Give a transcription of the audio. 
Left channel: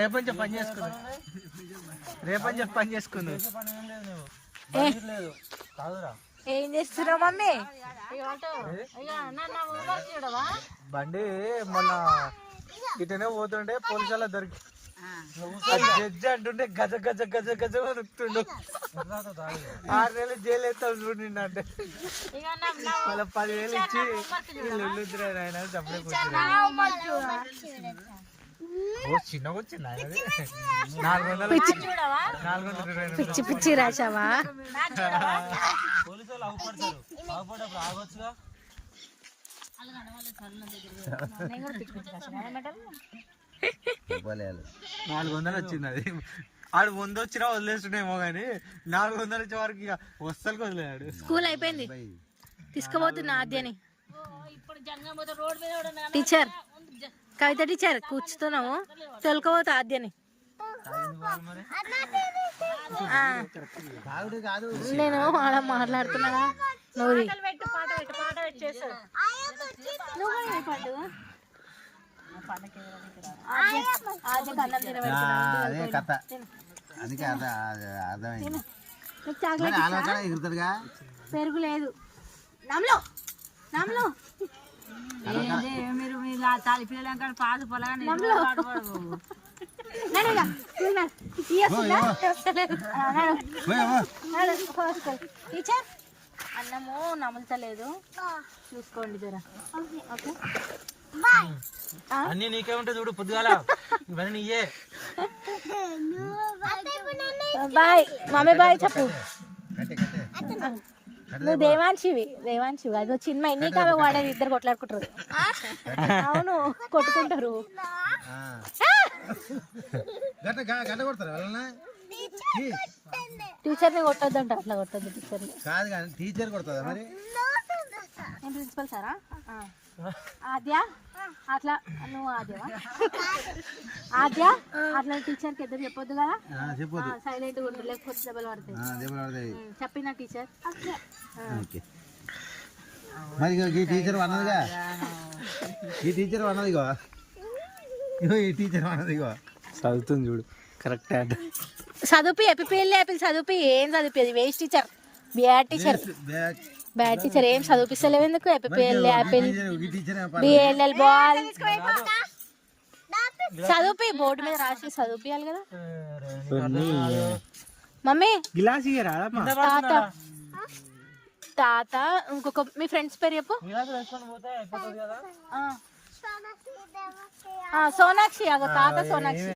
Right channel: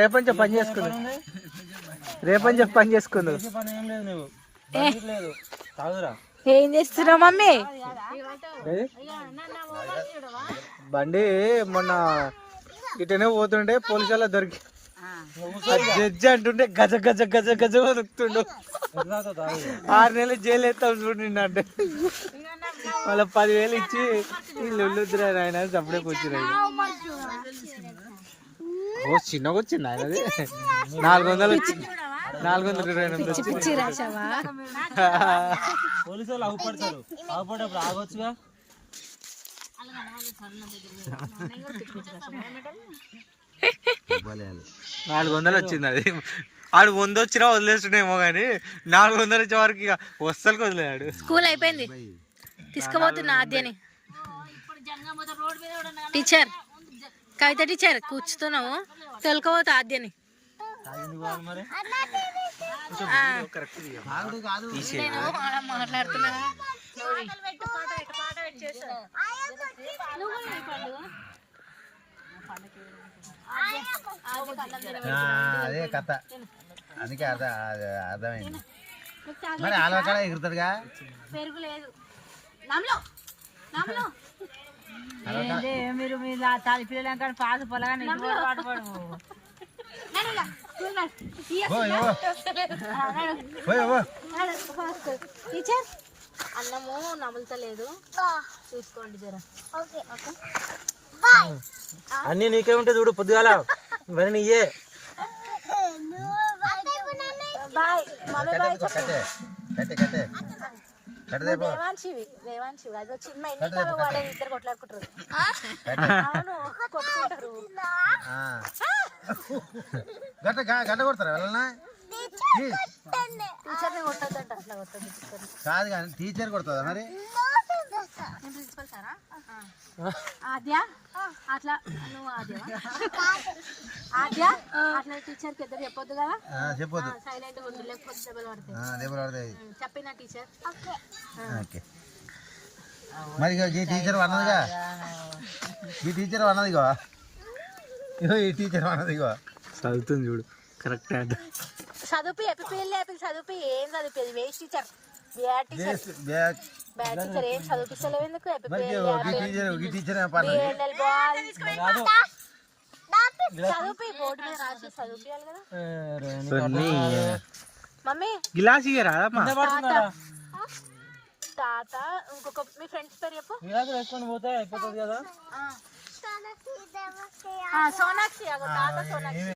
రేపంచి పని చేసుకుంది రేపంచి పని చేసుకుంది ఏం చేస్తున్నావు మమ్మీ? బండి మొన్న ఇటనే పోతుండే పోలీసుల దొరికి జడ్జి అంటుండే గజ గజ గజ గజ దొరుకుతుండు 6 నెలలు జైలు ఎత్తాం చూడండి అంటే మళ్ళీ 10,000 ఇచ్చి వీళ్ళు ఆయన సప్పుడే కూర్చుని చిన్నగా వచ్చింది ఆయన 400 పిచ్చి పిచ్చి రాశావా? పోలీసు ఆగొచ్చుగా 400 వచ్చింది అది. ఆడు 100 వచ్చినా వదిలేస్తుండేమో కానీ 400 వచ్చే వరకు ఇక వస్తలకి వదిలేడు. స్కూల్ అయిపోయింది, తీసుకుపోతున్నా ఆద్యని. టీచర్ కవిత టీచర్ కూర్చుతున్నావు, తొలకపోతా ఆద్యని. నేను మాట్లాడుతున్నా అదే కథ, అందుకే అర్థమైంది. ఎగురుతాడుగా, పెరుగు లేదు మీరు తల్లి పిల్లలు పాలు పొలగా టీచర్ అన్నము నములుతలేదు, చూసుకోండి జరా. అన్ని నీకే ఉంటే చూడు, పొద్దుగాల నీయే. బాయ్ మమ్మీ, బాయ్ చెప్పు. దేవాంశివి అదో చిన్న ఎన్నిక వాళ్ళని ఇద్దరు కొట్లాడుకుంటారు. అవును కొట్టుకుంటారు. టీచర్ని కొట్టద్దంట, అట్లా కొట్టద్దు టీచర్. కాదు కానీ టీచర్ కొడుతుందా మరి? ప్రిన్సిపల్ సారా? ఆద్య అట్లా నువ్వు ఆద్య అట్లా టీచర్కి ఇద్దరు చెప్పొద్దు కదా, చెప్పొద్దు. సైలెంట్ గా ఉండు, లేకపోతే దెబ్బలు పడతాయి. చెప్పిన టీచర్. మరి ఈ టీచర్ అన్నదిగా, ఈ టీచర్ అన్నదిగో, ఈ టీచర్ అన్నదిగో చదువుతుంది చూడు కరెక్ట్. చదువు ఎపిపిఎల్ చదువు ఏం చదివేది waste teacher, bad teacher. Bad teacher ఏం చదివిస్తలేవు ఎందుకు? ఎపిపిఎల్ యాపిల్ బిఎల్ఎల్ బాల్ చదువు బోర్డు మీద రాసి చదివియాలి కదా మమ్మీ. గిలాస్ రాదమ్మా. తాత ఇంకొక మీ ఫ్రెండ్స్ పేరు చెప్పు. సోనాక్షి, తాత సోనాక్షి.